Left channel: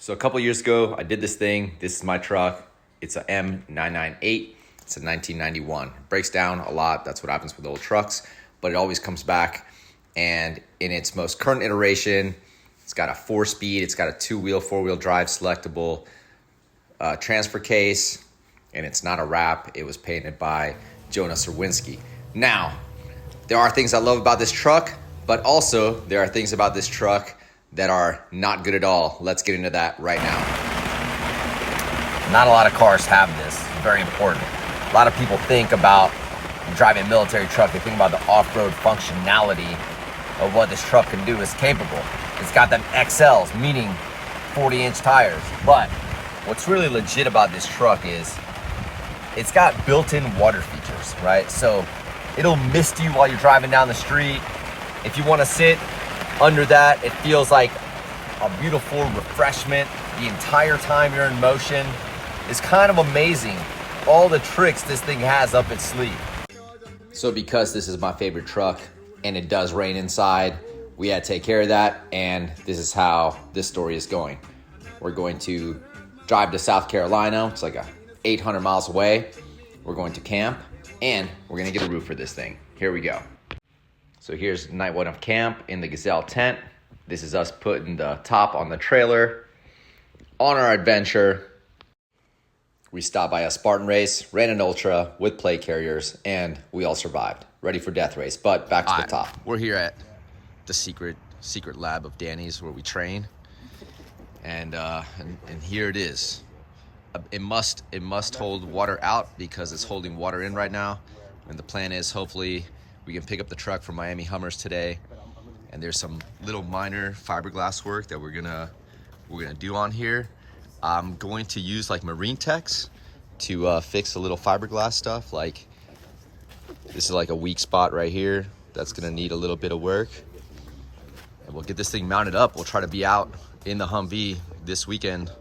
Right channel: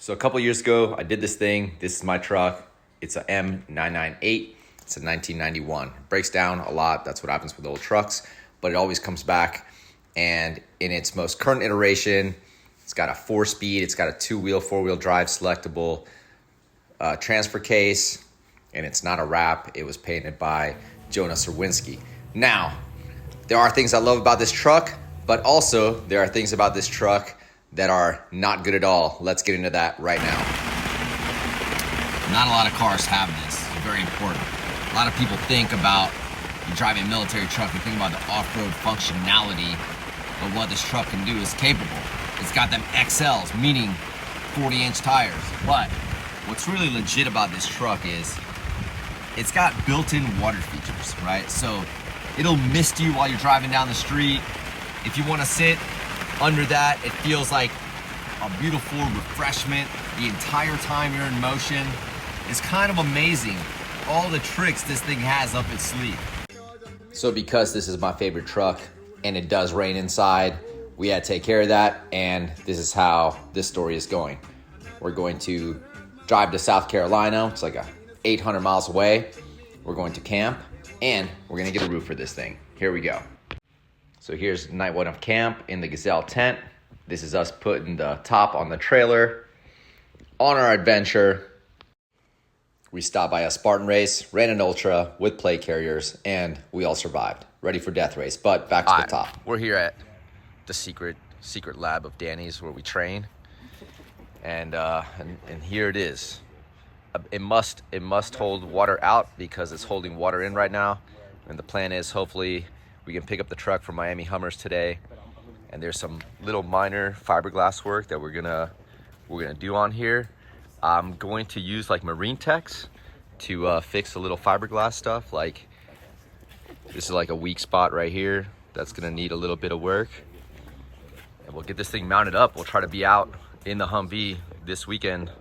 So a couple years ago, I did this thing. This is my truck. It's a M998. It's a 1991. It breaks down a lot. That's what happens with old trucks, but it always comes back. And in its most current iteration, it's got a 4-speed. It's got a 2-wheel, 4-wheel drive selectable transfer case, and it's not a wrap. It was painted by Jonas Serwinski. Now, there are things I love about this truck, but also there are things about this truck that are not good at all. Let's get into that right now. Not a lot of cars have this. It's very important. A lot of people think about driving a military truck, they think about the off-road functionality of what this truck can do. Is capable. It's got them XLs, meaning 40-inch tires. But what's really legit about this truck is it's got built-in water features, right? So it'll mist you while you're driving down the street. If you want to sit under that, it feels like a beautiful refreshment the entire time you're in motion. It's kind of amazing all the tricks this thing has up its sleeve. So because this is my favorite truck and it does rain inside, we had to take care of that, and this is how this story is going. We're going to drive to South Carolina. It's like 800 miles away. We're going to camp, and we're gonna get a roof for this thing. Here we go. So here's night one of camp in the Gazelle tent. This is us putting the top on the trailer. On our adventure, we stopped by a Spartan race, ran an Ultra with plate carriers, and we all survived. Ready for death race, but back to the top. We're here at the secret lab of Danny's where we train, and here it is. It must hold water out because it's holding water in right now, and the plan is hopefully we can pick up the truck from Miami Hummers today, and there's some little minor fiberglass work that we're gonna do on here. I'm going to use like Marine Techs to fix a little fiberglass stuff. Like this is like a weak spot right here that's gonna need a little bit of work, and we'll get this thing mounted up. We'll try to be out in the Humvee this weekend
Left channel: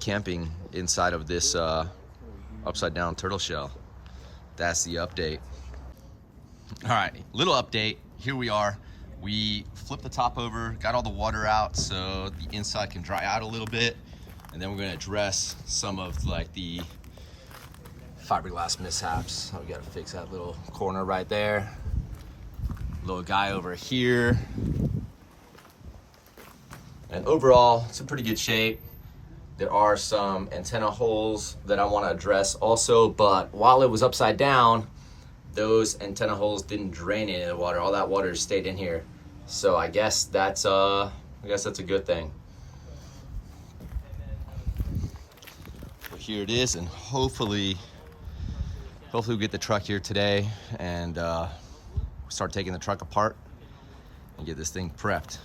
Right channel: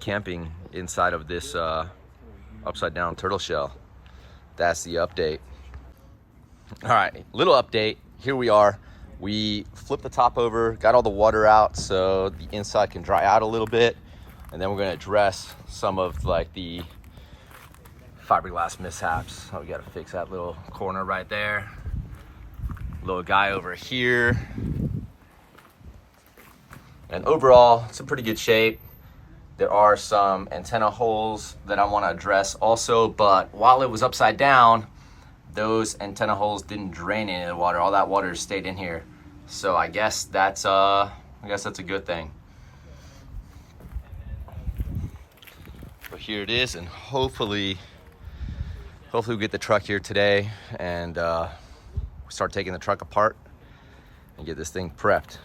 camping inside of this upside down turtle shell. That's the update. All right, little update. Here we are. We flipped the top over, got all the water out so the inside can dry out a little bit, and then we're gonna address some of like the fiberglass mishaps. So we gotta fix that little corner right there. Little guy over here. And overall, it's in pretty good shape. There are some antenna holes that I wanna address also, but while it was upside down, those antenna holes didn't drain any of the water. All that water stayed in here. So I guess that's a good thing. But here it is, and hopefully we get the truck here today and start taking the truck apart and get this thing prepped.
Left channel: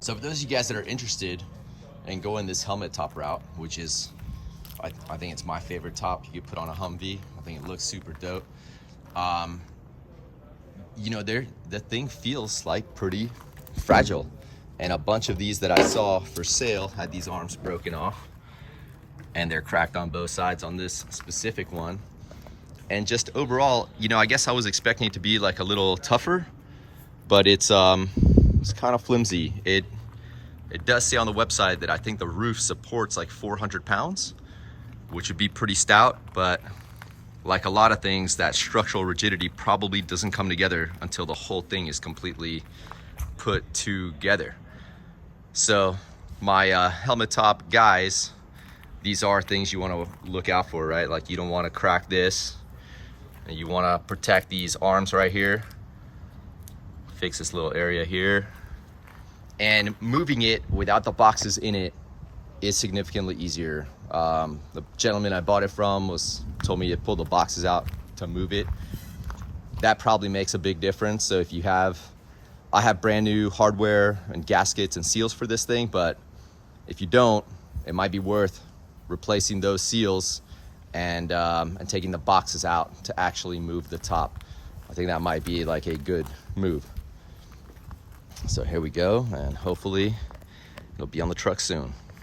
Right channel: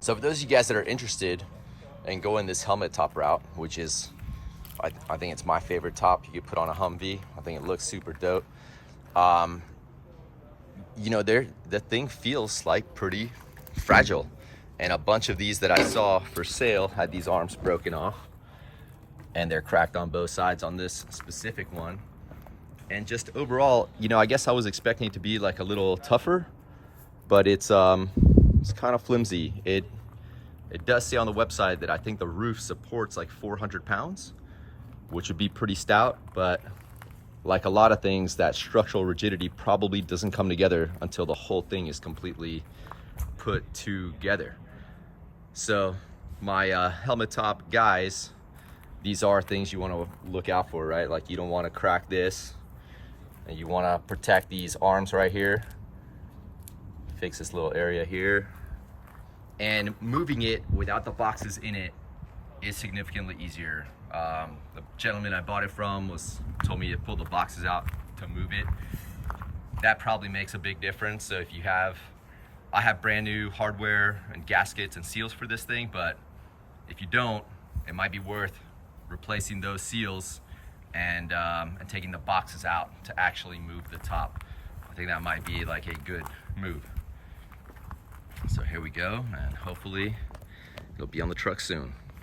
So for those of you guys that are interested in going this helmet top route, which is, I think it's my favorite top you could put on a Humvee. I think it looks super dope. You know, the thing feels like pretty fragile. And a bunch of these that I saw for sale had these arms broken off, and they're cracked on both sides on this specific one. And just overall, you know, I guess I was expecting it to be like a little tougher, but it's kind of flimsy. It does say on the website that I think the roof supports like 400 pounds, which would be pretty stout, but like a lot of things, that structural rigidity probably doesn't come together until the whole thing is completely put together. So my helmet top guys, these are things you want to look out for, right? Like you don't want to crack this, and you want to protect these arms right here. Fix this little area here, and moving it without the boxes in it is significantly easier. The gentleman I bought it from told me to pull the boxes out to move it. That probably makes a big difference. So if you have, I have brand new hardware and gaskets and seals for this thing, but if you don't, it might be worth replacing those seals and taking the boxes out to actually move the top. I think that might be like a good move. So here we go, and hopefully it'll be on the truck soon.